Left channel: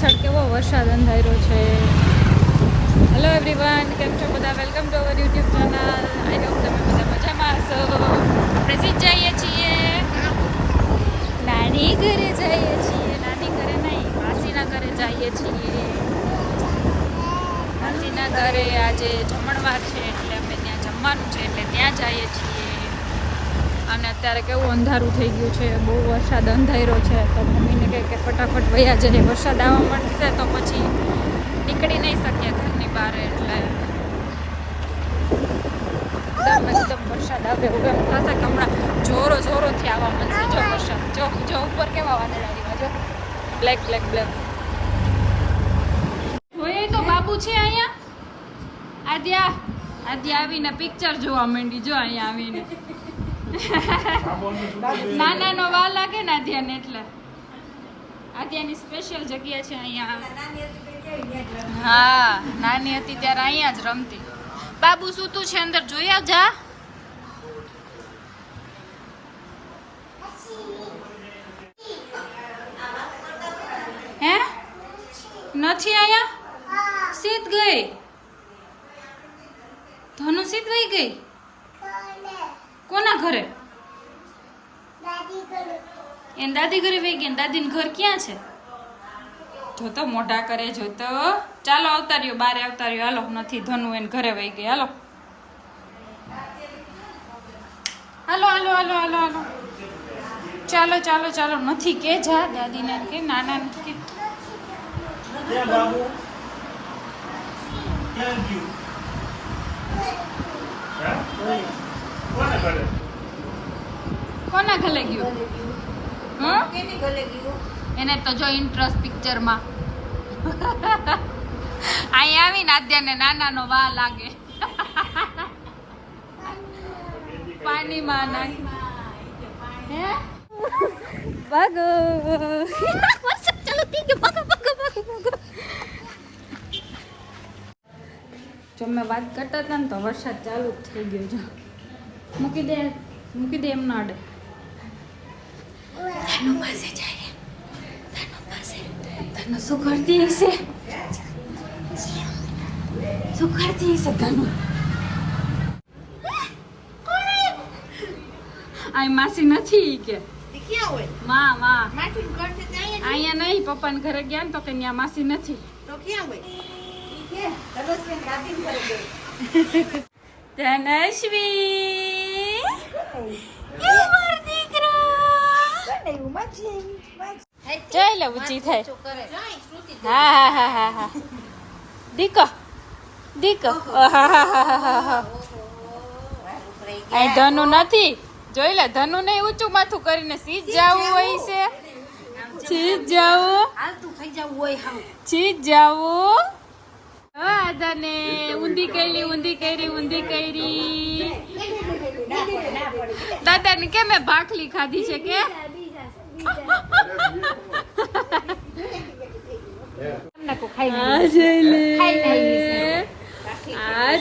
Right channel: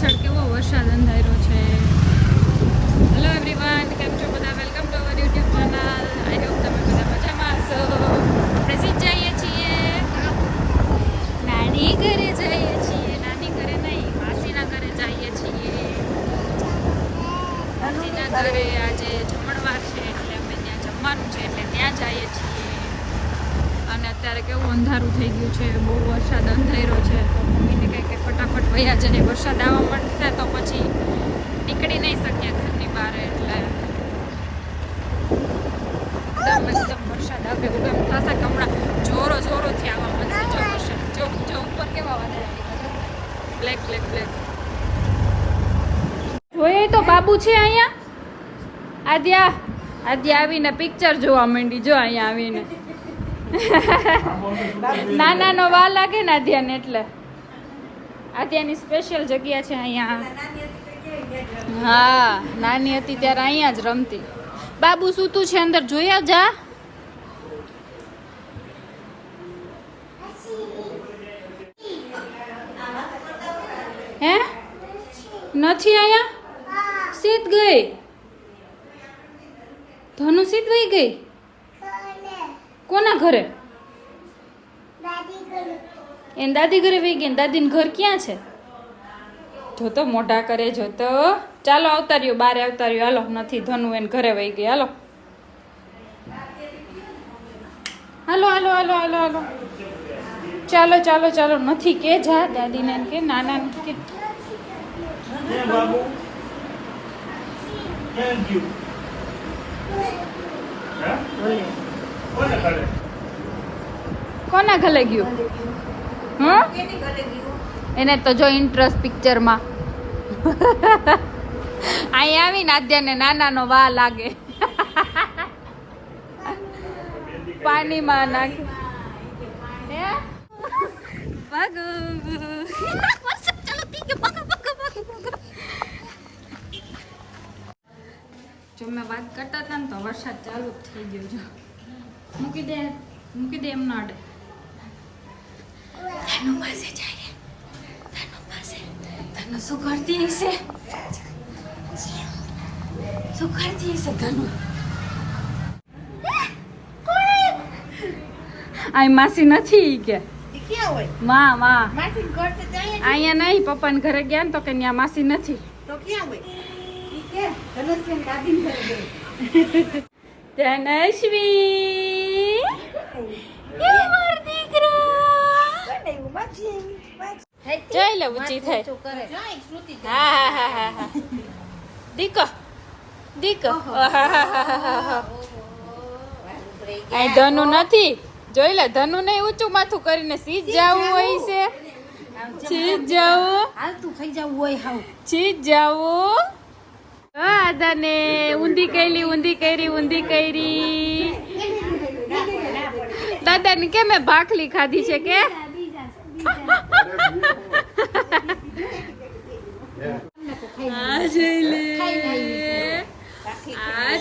પાછળ કેવો વરસાદ અંધાર્યો છે. હેલો એવરીવન, કેમ છો બધા? Welcome to our YouTube channel. I hope તમે બધા મજામાં હશો. આપણે સીધ જઈએ છીએ, નાની ઘરે જઈએ છીએ. નાની ઘરે નહીં, માસીના ઘરે જઈએ છીએ. માસીના ઘરે આજે જમણવાર છે એટલે અમે ત્યાં જમવાનું છે એટલે ત્યાં જઈએ છીએ. અને અત્યારે કેવું અંધારું થઈ ગયું છે, બહુ વરસાદ અંધાર્યો છે. તો મમ્મીને કહે કે ફટાફટ વયા જઈએ, વરસાદ આવવા માંડશે તો પછી નીકળી નહીં શકીએ ઘરની બહાર. એટલે એકદમ વરસાદ આવે વગર થશે કે હમણાં જોરોથી આવવા માંડશે. જો વરસાદ જો ઉપર કેવા વાદળ આવ્યા જો, બ્લેક બ્લેક બ્લેક. જોઈએ તો બાબુ છે અહીંયા. આદ્યા આવીને પિક્ચર જોવા માંડી. જો અહીંયા આવીને નાનાનો વા લાગે ને આદ્યાને, એટલે આદ્યાની સ્પેશિયલ જગ્યા છે અહીંયા. હા, નાની હતી ત્યારે અહીંયા જ રમતી. બાબુ સૂતું છે અંદર, જોયા જા. હે નથી આયા? સીત ગઈ ધનુ, સીત વહી ગઈ. કોના ઘરે? એને દાદી ઘરે વહી ગઈ. દાદીનું ઘર ક્યાં છે? જોતો મોઢા કરે જોતો. ચાલો આવતાર્યો, બારે આવતાર્યો. હાલો, નથી ધનુ, એને ઘરે વહી ગઈ. હાલો હાલો હાલો હાલો હાલો હાલો. ચાલો ચાલો ચાલો. નથી કે જા દાદીને એમ કે, નાના કે કોના ઘરે ગયું? એને તો જો ઇન્ટરેસ્ટ પિક્ચરમાં. અહીં આવીને આદ્યાને નાનાનો વા લાગે. પાણીમાં નાખી ભાગો. જો મેં વાત કરતા હતા ને તો વરસાદ ચાલુ જ થઈ ગયો. જો મૂકી દે એમ ના અડે. ધનુ પાસે જાય, ધનુ પાસે. ધનુ શું કરતી હશે? શું કરતી હશે ધનુ? આ માસી નથી કે માં અહીંયા નહીં, પપ્પાને ઘરે ગયા ને તો કે ત્યાં માસી નથી. તો ક્યાં હોય? ધનશ્વી, જોઈ લે ઊંચી થાય. હા દીકો અહીં ધનુ નથી. જોઈ લે, ધનુ નહીં ઊંચું માથું કરીને સીધ જવું હોય છે. સીધ જવું. આદાને ઊંધી કરી. દાદાને કે મેં ભાખલી ખાધી છે કે? આ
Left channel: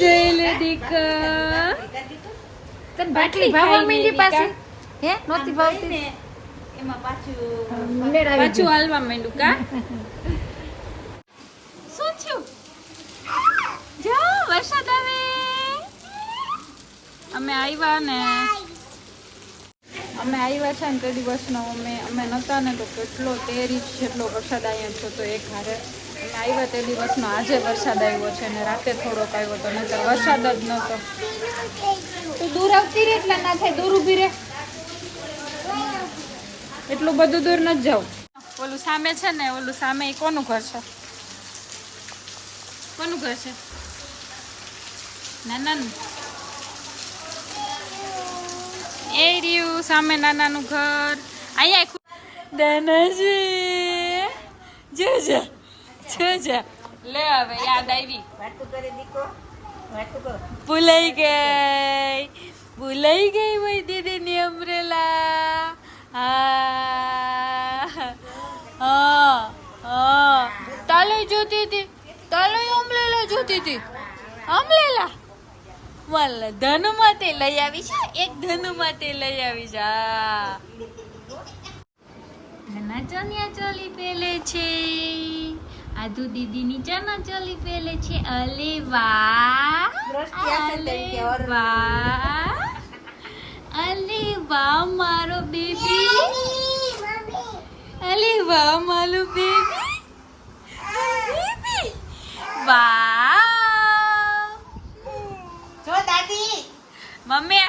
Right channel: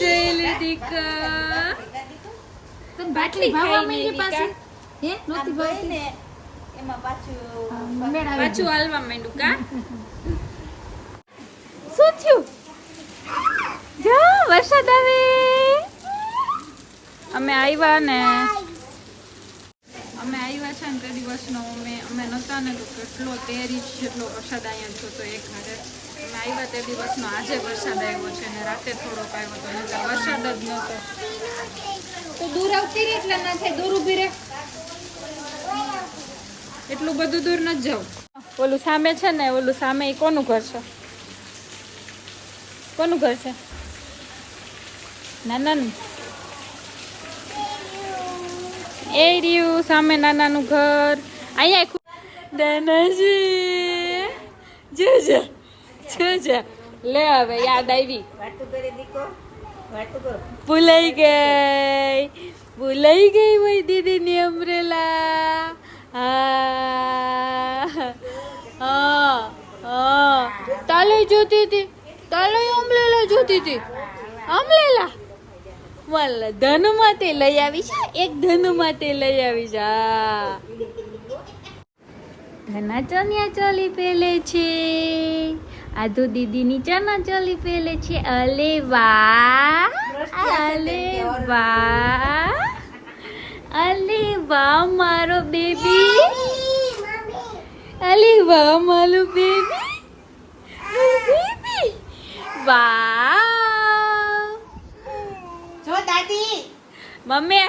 જોઈ લે દીકા. તને ભાખલી ભાવવા માંડી પાછી? હે નોતી ભાવતી? એમાં પાછું હાલવા માંડ્યું કા? શું થયું? જો વરસાદ આવે. અમે આવ્યા છે ને તે દિવસનો અમે નતા ને તો કેટલો 13 ઇંચ જેટલો વરસાદ અહીંયા થતો એક હારે. અમે આવ્યા તે દિવસનો આજે વરસાદ આવ્યો છે ને રાતે થોડોક આવ્યો તો, નહીંતર વરસાદ જ નહોતો. દૂર આવતી રે એટલા ના થાય, દૂર ઊભી રે. એટલું બધું દૂર ન જાવ. ઓલું સામે છે ને, ઓલું સામે એ કોનું ઘર છે? કોનું ઘર છે? નાનાનું. એ રહ્યું સામે નાનાનું ઘર. અહીંયા દાનાજી જો લે હવે યાદ આવી. ભૂલાઈ ગઈ હોય દીદીની અમરેલા. હા તાલે જોતી હતી, તાલે અમરેલા જોતી હતી. અમરેલા વાલા ધનુ માટે લઈ આવી છે, એક ધનુ માટે લઈ આવી છે. ધના ચણિયા ચોલી પહેલે છે. આધુ દીદીની ચણાચોલી પહેલે છે. અલે વાહ, અલે વાહ, અલે વાહ મારો બેબી, અલે વાહ મારો બેબી, બેબી વાહ. જો દાદી મમ્મી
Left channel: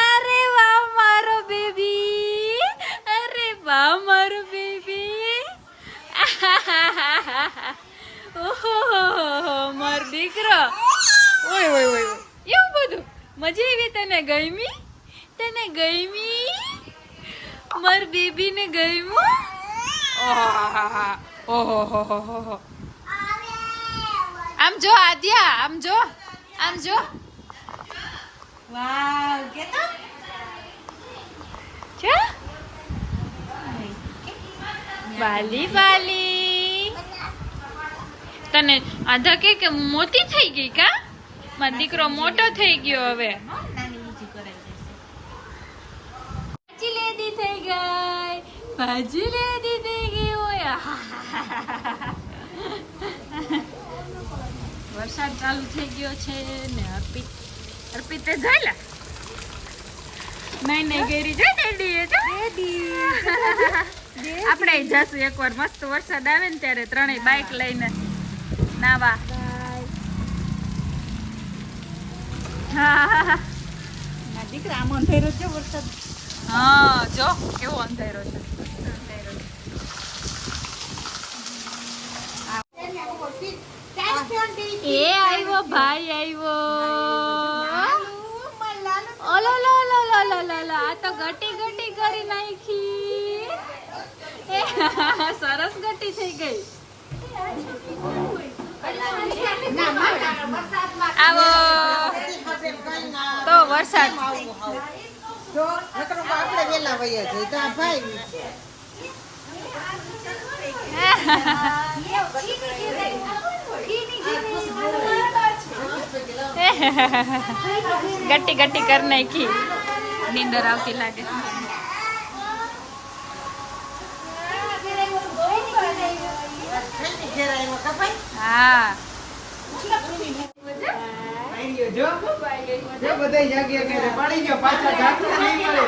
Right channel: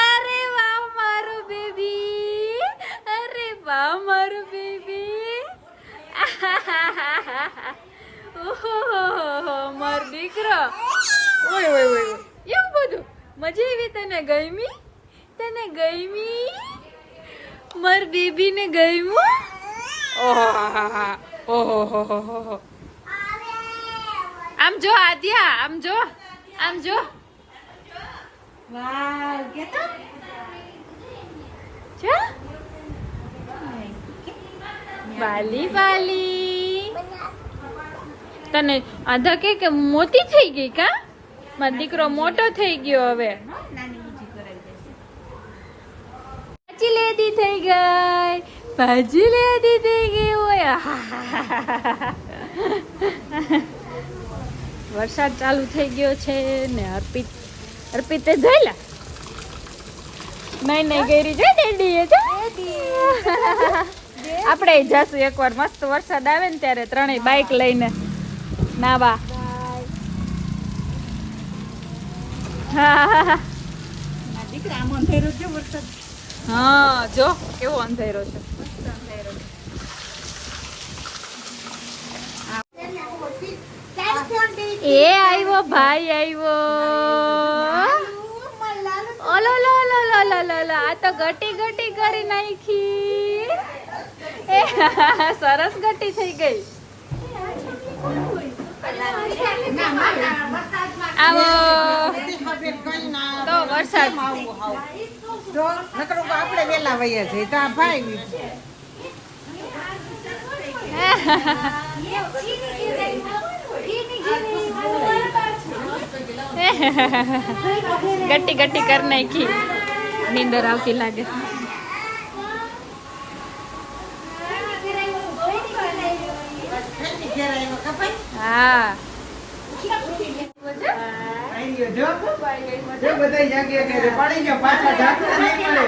અરે વાહ મારો બેબી, અરે વાહ મારો બેબી. ઓહો મારો દીકરો. ઓય ઓય ઓય એવું બધું મજા આવી. તને ગમી? તને ગમી? માર બેબી ને ગમ્યું? ઓહો. આમ જો આદ્યા, આમ જો, આમ જો. વાવ કેતો છે વાલી વાલી. તને આધા કે મોટી થઈ ગઈ કા? મારો દીકરો મોટો થઈ ગયો હવે. નાની બીજી કરાઈ દેશે. ભાજી લેદી થઈ ગઈ, ભાજી લેદી થઈ ગઈ. ઓય વરસાદ ચાલુ થઈ ગયો છે ને અર્પિતે જોઈ લે. નહીં ગેરી જોઈ દેડી આપણે જશું એકવાર મસ્ત વરસાદ આવે ને ત્યારે ત્રણેય બાઈક લઈને નાવા. ના દીકરા આમ અંધેરો છે વરસાદ. હા જો કેવો અંધેરો છે. એ આવ્યો ભાઈ આવ્યો. ઓલો લો લો લો લો લો લો આ તો ગટી કરી નાખી. સરસ ગટી થઈ ગઈ. આવો તો વરસાદ. આપણે વેલા વયા જઈએ તો આ ભાઈ ગટી કર નાખી. નીંદર આવતી લાગે. હા જો બધા જાગ્યા કે પડી ગયો પાછા જાગતા નહીં મળે.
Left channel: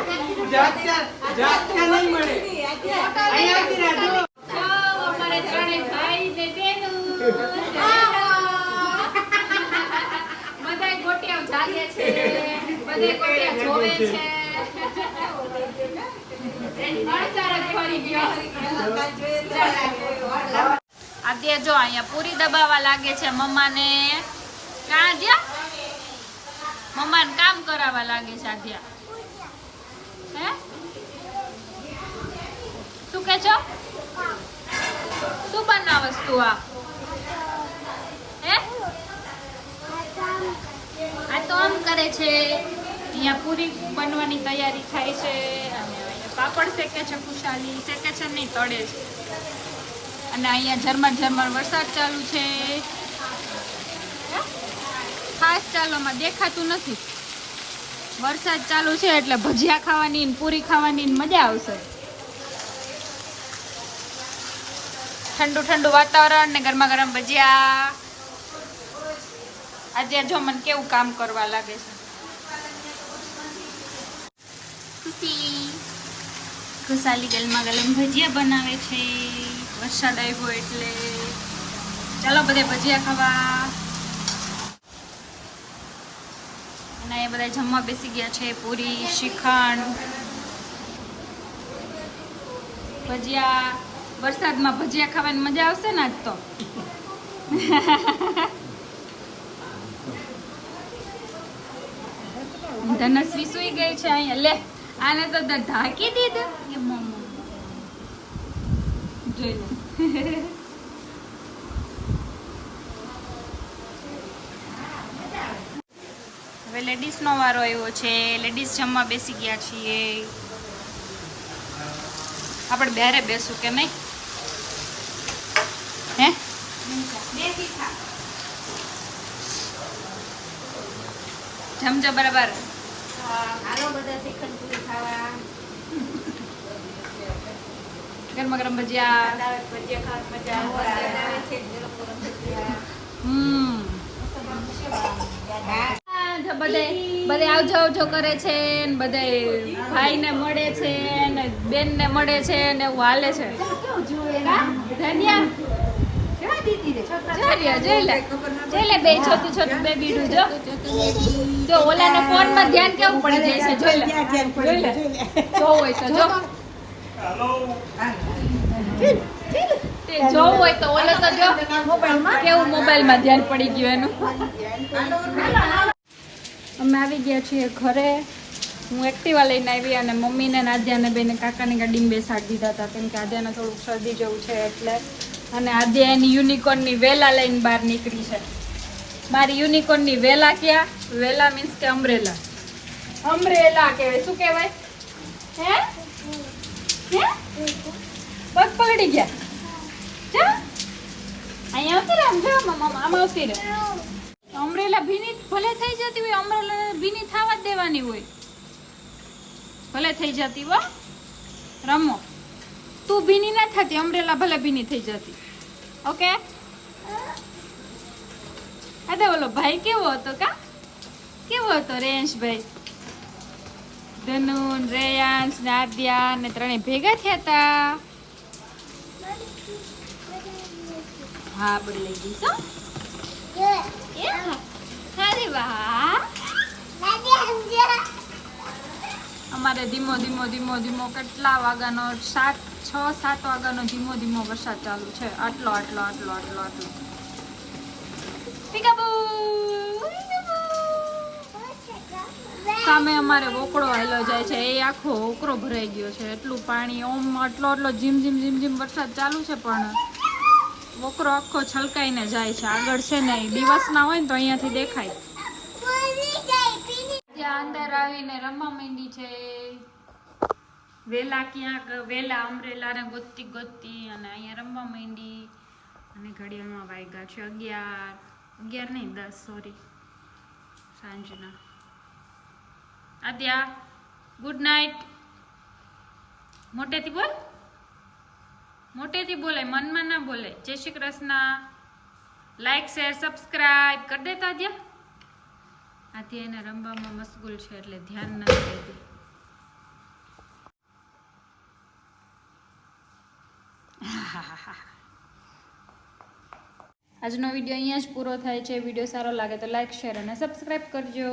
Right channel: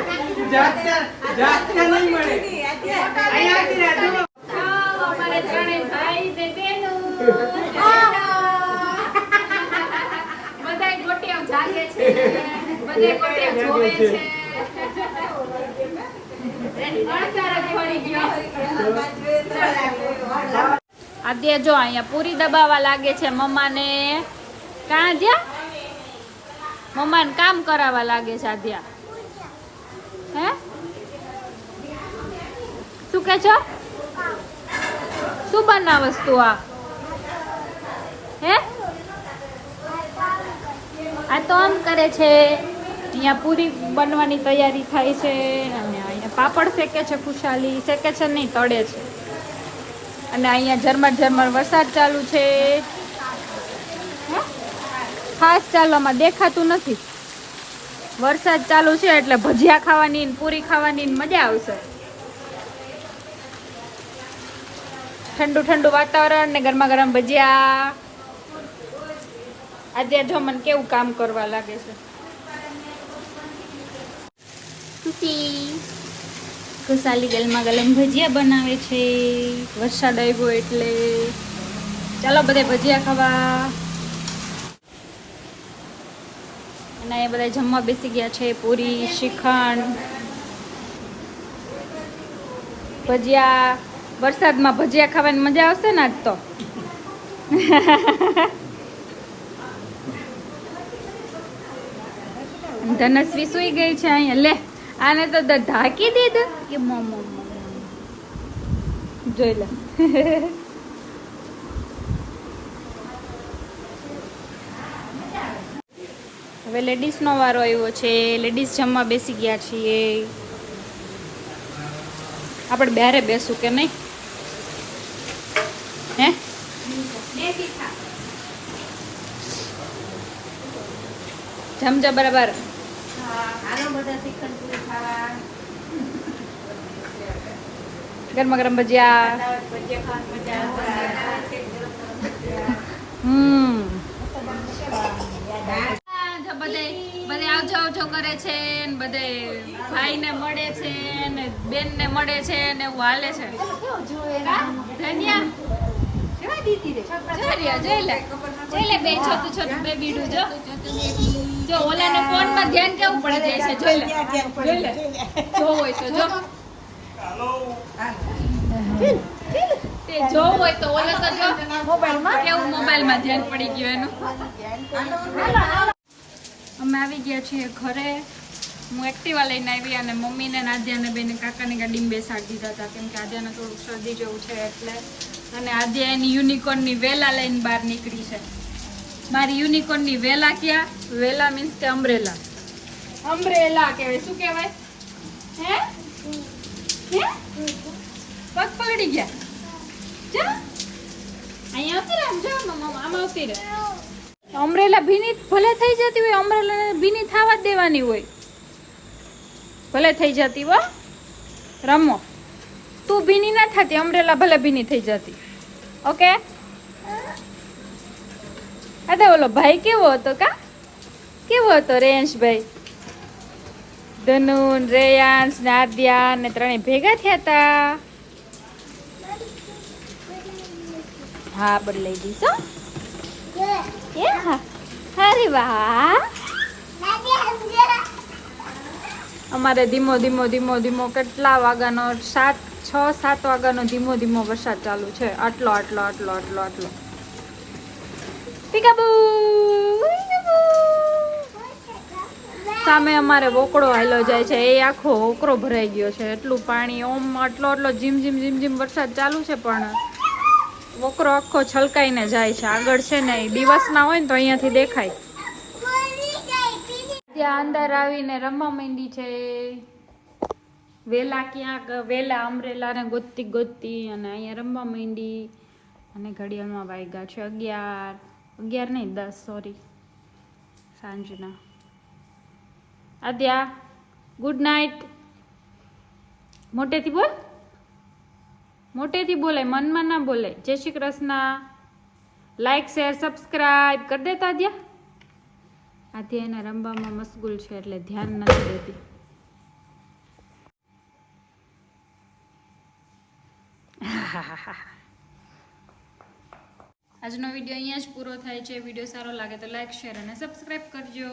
જાગતા નહીં મળે. અહીંયા જો અમારે ત્રણેય ભાઈ ને બહેનો બધાય ગોટિયા જાગે છે, બધાય ગોટિયા જોવે છે. વરસાદ પડી ગયો. આદ્યા જો અહીંયા પૂરી દબાવા લાગે છે મમ્માને. કાં જ્યા મમ્માને કામ કરાવવા લાગે છે આદ્યા. હે શું કે છો? શું બનાવસ તું આ? હે આ તો આમ કરે છે. અહીંયા પૂરી બનવાની તૈયારી થાય છે. અહીંયા પાપડ શેકે છે. ખુશાલી શેકે છે નહીં, તળે છે. અને અહીંયા ઝરમર વરસાદ ચાલુ છે. ખાસ ચાલવામાં દેખાતું નથી. વરસાદ ચાલુ છે એટલે ભજીયા ખાવાની ને પૂરી ખાવાની ને મજા આવશે. ઠંડુ વાતાવરણ ને ગરમા ગરમ ભજીયા. આજે જો મને કેવું કામ કરવા લાગે છે. ખુશાલી ગરમા ગરમ ભજીયા બનાવે છે. વરસાદ આવ્યો એટલે ચાલો બધા ભજીયા ખાવા. અને એ બધા જમવા બેસી ગયા છે. પૂરી, શ્રીખંડ, ભજીયા. વરસાદમાં ભજીયા ખાવાની મજા આવશે ને આજ તો. ધનશ્રી સુઈ ગઈ છે અહીંયા. લે આને તો ઢાંકી દીધું કે જોઈ લે. હવે લેડીઝનો વારો આવ્યો છે. લેડીઝ જમવા બેસી ગયા છીએ. આપણે બેરે બેસું કે નહીં? હે જમજો બરાબર. હાલો બધા શ્રીખંડ પૂરી ખાવા. ગરમા ગરમ ભજીયા. ભજીયા ખાવાની મજા આવે. બધે આવજો આવજો કરે છે ને બધે ભાઈને મળે છે ને બેનને મળે છે ને એવું હાલે છે. ધન્યા જોઈ લે બે છોટું બેબી જો ઓલાનો ફોનમાં ધ્યાન કેવું પડી જાય છે. જોઈ લે જો હોય તો જો જો હોય તો ઓલે તો જો કેવું મોબાઈલમાં ધ્યાન પડી ગયું એનું. અમે આવી ગયા છીએ ઘરે. હું એક્ટિવા લઈને આવી અને મમ્મીને આદ્યાને બેને કાકાની ગાડીમાં બેસાડી દીધા હતા કેમ કે આદ્યાને થોડુંક શરદી જેવું છે એટલે. અને આદ્યા એની યુનિકોર્નની વેલા લઈને બહાર નીકળી છે. મારી યુનિકોર્નની વેલા ક્યાં? વેલા મીન્સ કે અમ્બ્રેલા. અમ્બ્રેલા કહેવાય. શું કહેવાય? હે હે પગ પલડી ગયા. હે અહીંયા આવતી રહે. આમ જો આમ આવતી રહે. અમ્બ્રેલા ભીની ભલે થઈ જતી હોય, અમ્બ્રેલા ભીની થવા જ દેવાની હોય. ભલે થઈ જતી હો, રમો. તું ભીની ના થતી, અમ્બ્રેલા ભલે ભીની થઈ જતી. ઓકે. અરે ઓલો ભાઈ કેવો હતો કા? કેવો હતો રેયાંશભાઈ? ધનુન, રેયાંશ, નાદિયા ને ત્રણે ભેગા થયા હતા. હા બદલાઈ દીધો. અરે વાહ. અમારે ધીમો ધીમો ધીમો ધીમો કેટલા વાગ્યાનો 6-7 વાગ્યાનો ધીમો ધીમો વરસાદ ચાલુ છે. આટલો આટલો આટલો આટલો આટલો. સામે અમારે વોકળો હાલ્યો જાય છે. એ આખો વોકળો ભરાઈ ગયો છે. એટલું પાણી ઓમ આટલો આટલો જીમ જીમ જીમ જીમ વરસાદ ચાલુ છે પણ વોકરો આખો છલકાઈને જાય છે. આગળ છે ને દિવસ ના હોય ને તો અહીંયાથી દેખાય. ત્યાં અંદર આવીને રમવા માંડી છે. વેલા ક્યાંક વેલા અમરેલા ને ગોતતી ગોતતી અને અહીંયા રમવા માંડી. અને ઘડિયાળમાં વાગ્યા છે 11 નહીં 10 સોરી સાંજના. Adya good night. મોટેથી બોલ. મોટેથી બોલાય, મનમાં ના બોલાય. જય Shri Krishna. Like share subscribe કરી દેતા આદ્યા. આદ્યા એને રમવામાં મશગુલ છે એટલે ધ્યાન નથી દેતી. આજનો વિડીયો અહીંયા જ પૂરો થાય છે. વિડીયો સારો લાગે તો લાઈક શેર અને સબસ્ક્રાઇબ કરજો.